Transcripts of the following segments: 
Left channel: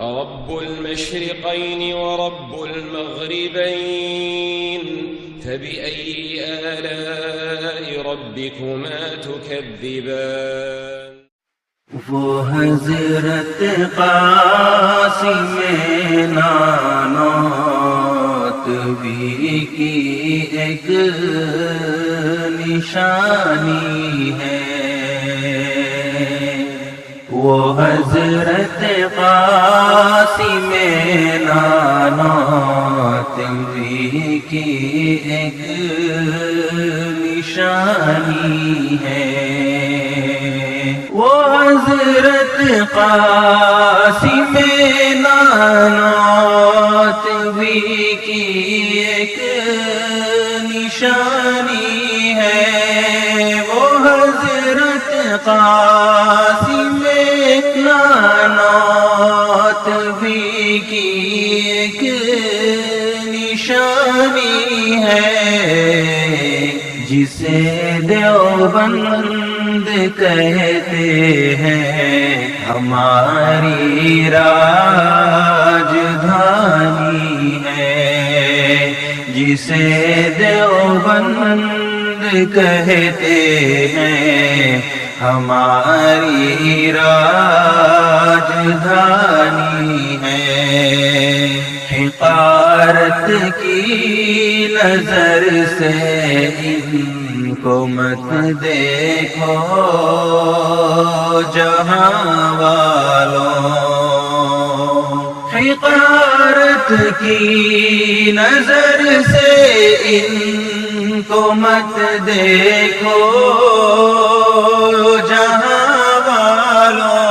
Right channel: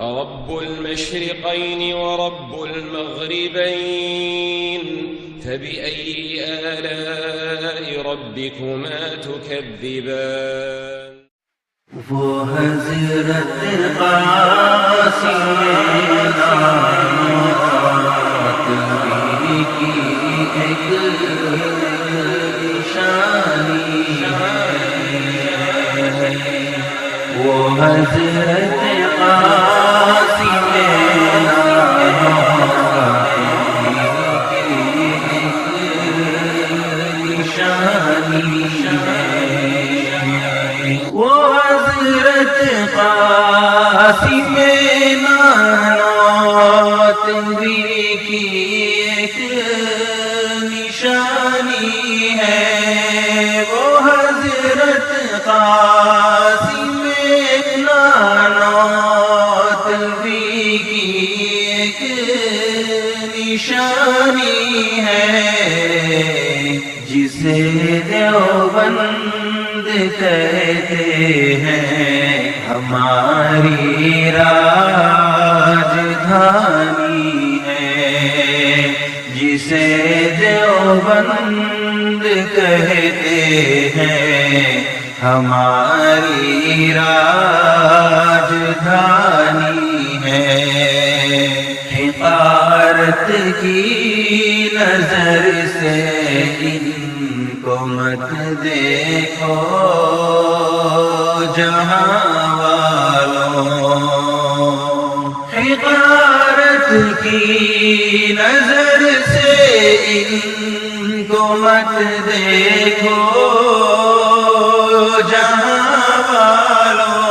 رب المشرقين ورب المغربين فبأي آلاء ربكما تكذبان وہ حضرت قاسم نانوت بھی کی ایک نشانی ہے، وہ حضرت قاسم نانوت بھی کی ایک نشانی ہے، وہ حضرت قاسم نانوتوی کی ایک نشانی ہے، وہ حضرت قاسم نانوتوی کی ایک نشانی ہے، جسے دیوبند کہتے ہیں ہماری راجدھانی ہے، جسے دیوبند کہتے ہیں ہماری راجدھانی ہے، حقارت کی نظر سے ان کو مت دیکھو جہاں والوں، حقارت کی نظر سے ان کو مت دیکھو جہاں والوں،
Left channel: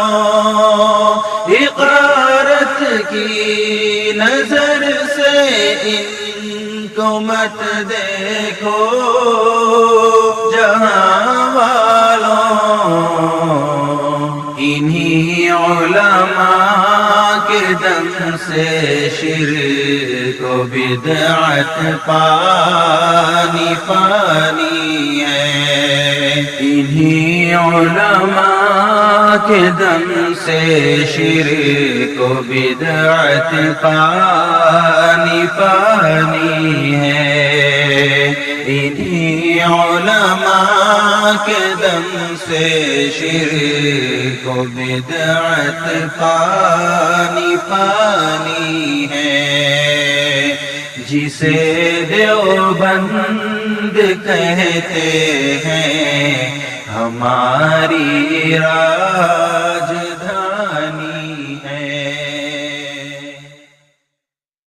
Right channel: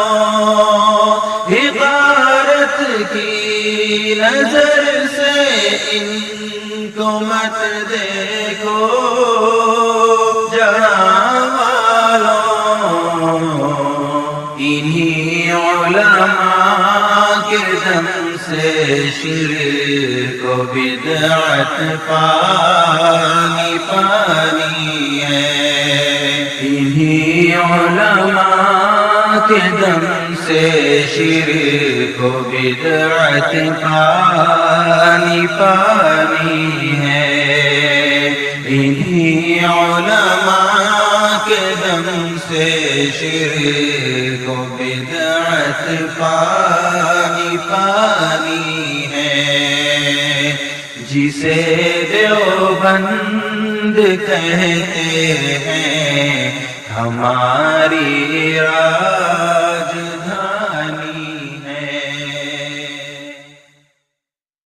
حقارت کی نظر سے ان کو مت دیکھو جہاں والوں، انہی علماء کے دم سے شرک و بدعت پانی پانی ہے، انہی علماء کے دم سے شرک و بدعت پانی پانی ہے، انہی علماء کے دم سے شرک و بدعت پانی پانی ہے، جسے دیوبند کہتے ہیں ہماری راج